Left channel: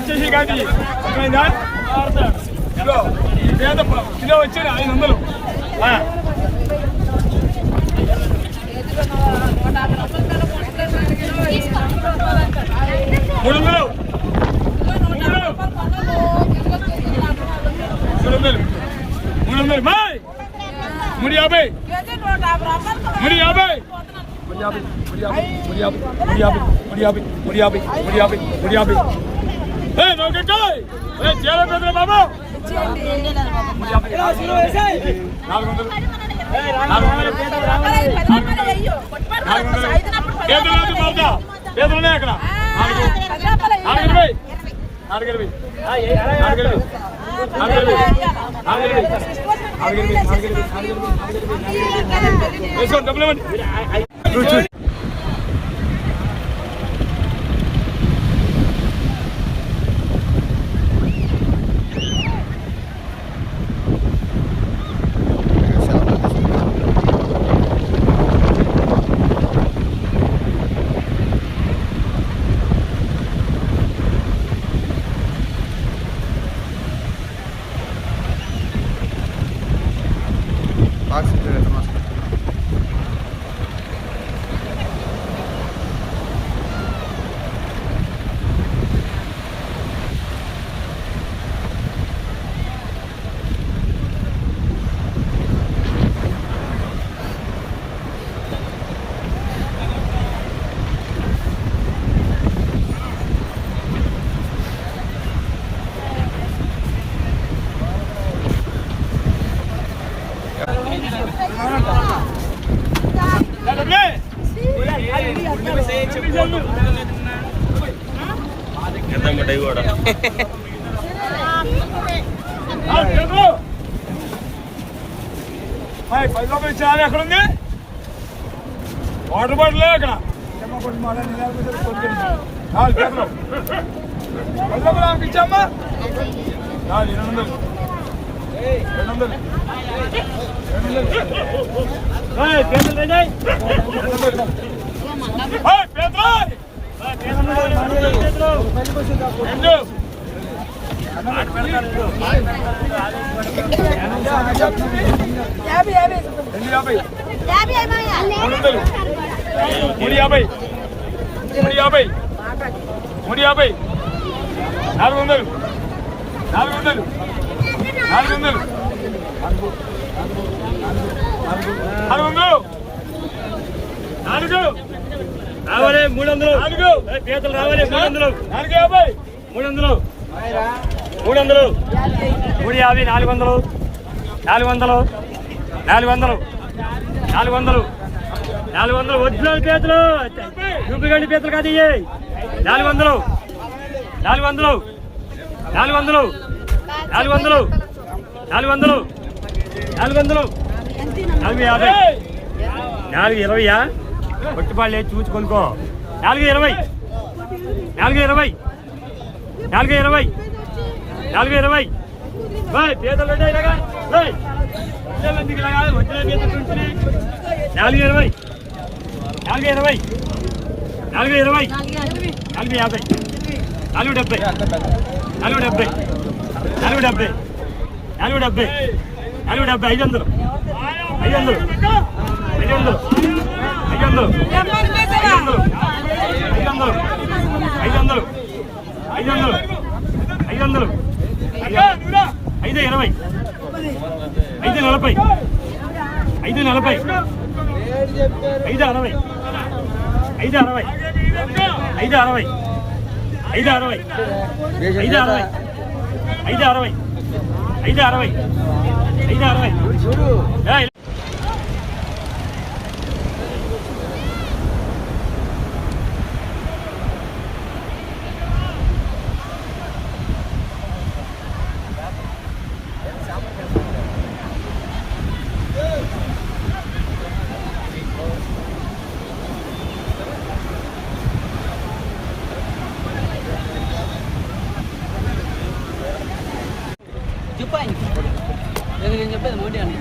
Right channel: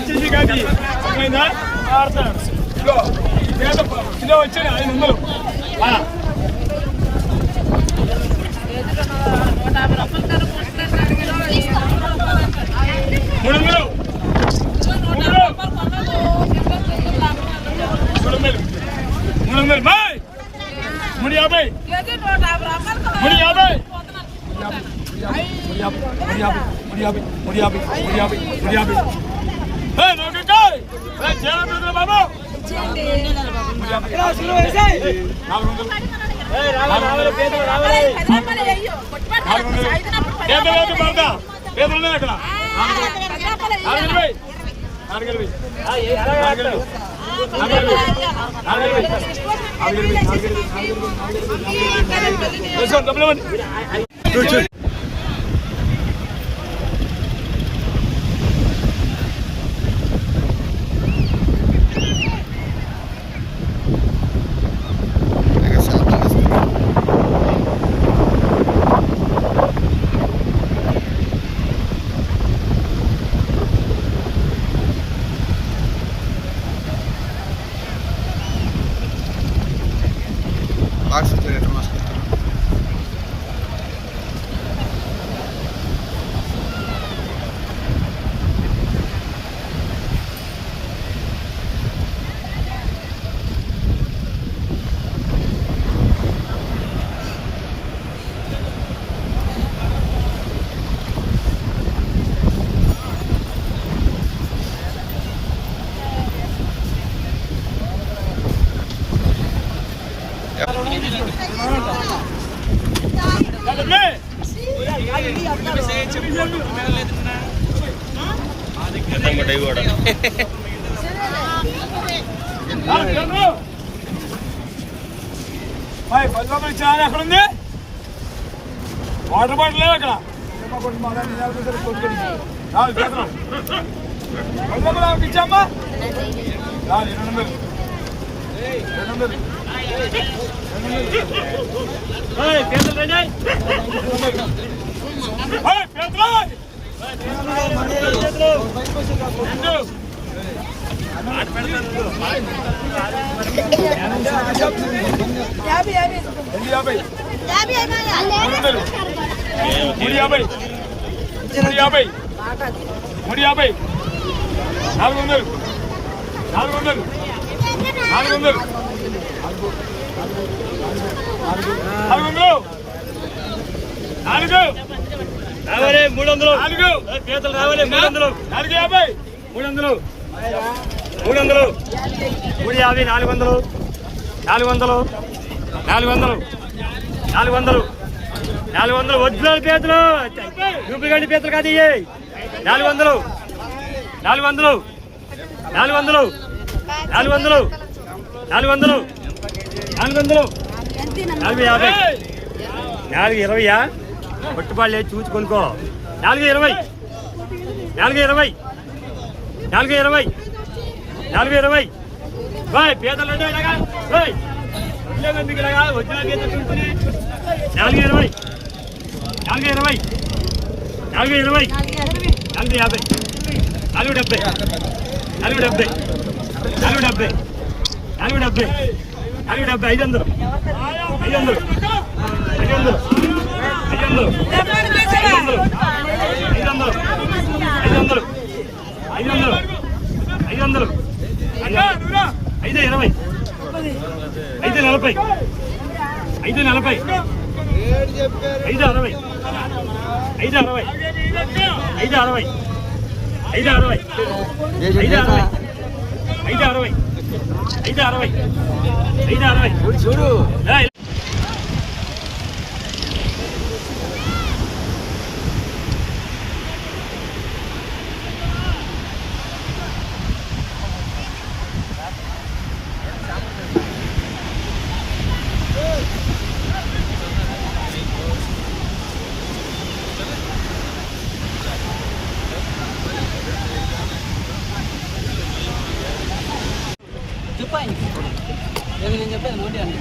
ఇచ్చేసి కానీ కిలో వచ్చి 500. 300. 300 బాయ్ 350. 350. 350. నోకెక్కాయ్ చేర పెద్దల బాబు 400. పేదలు పడతా పేదలునే అక్కడ 420. 420. డబ్బులు ఇవ్వండి. ₹10 ఇచ్చాను. అక్కడ ఉంది వాటర్ బాటిల్ అక్కడ ₹10 ఇచ్చామ్మా. 200. రావాలి 300. పీతలు రావాలి 300. 450. 300. 300. 350. 400. 400. 400. 400. 400. ఒరిజినల్ పీతలు డూప్లికేట్ పీతలు కాదు. 400. 400. 400. 400. 400. 400. 450. 420. పట్టుబాళ్ళే చూసి కొనుక్కో. 420. 420. 420. 420. బాయ్ పీతలు ఇలాగా ఎందుకు ఇలాగా వచ్చిన పీతలు చూస్తున్నాయి. 420. 420. 420. 450. 470. 470. 470. 470. 470. 500. 500. 500. 500. 500. 520. 540. 540. 560. 560. 560. 560. 560. 560. 560. చూడు చెప్పాను నేను చెప్పేది నోటి అండి.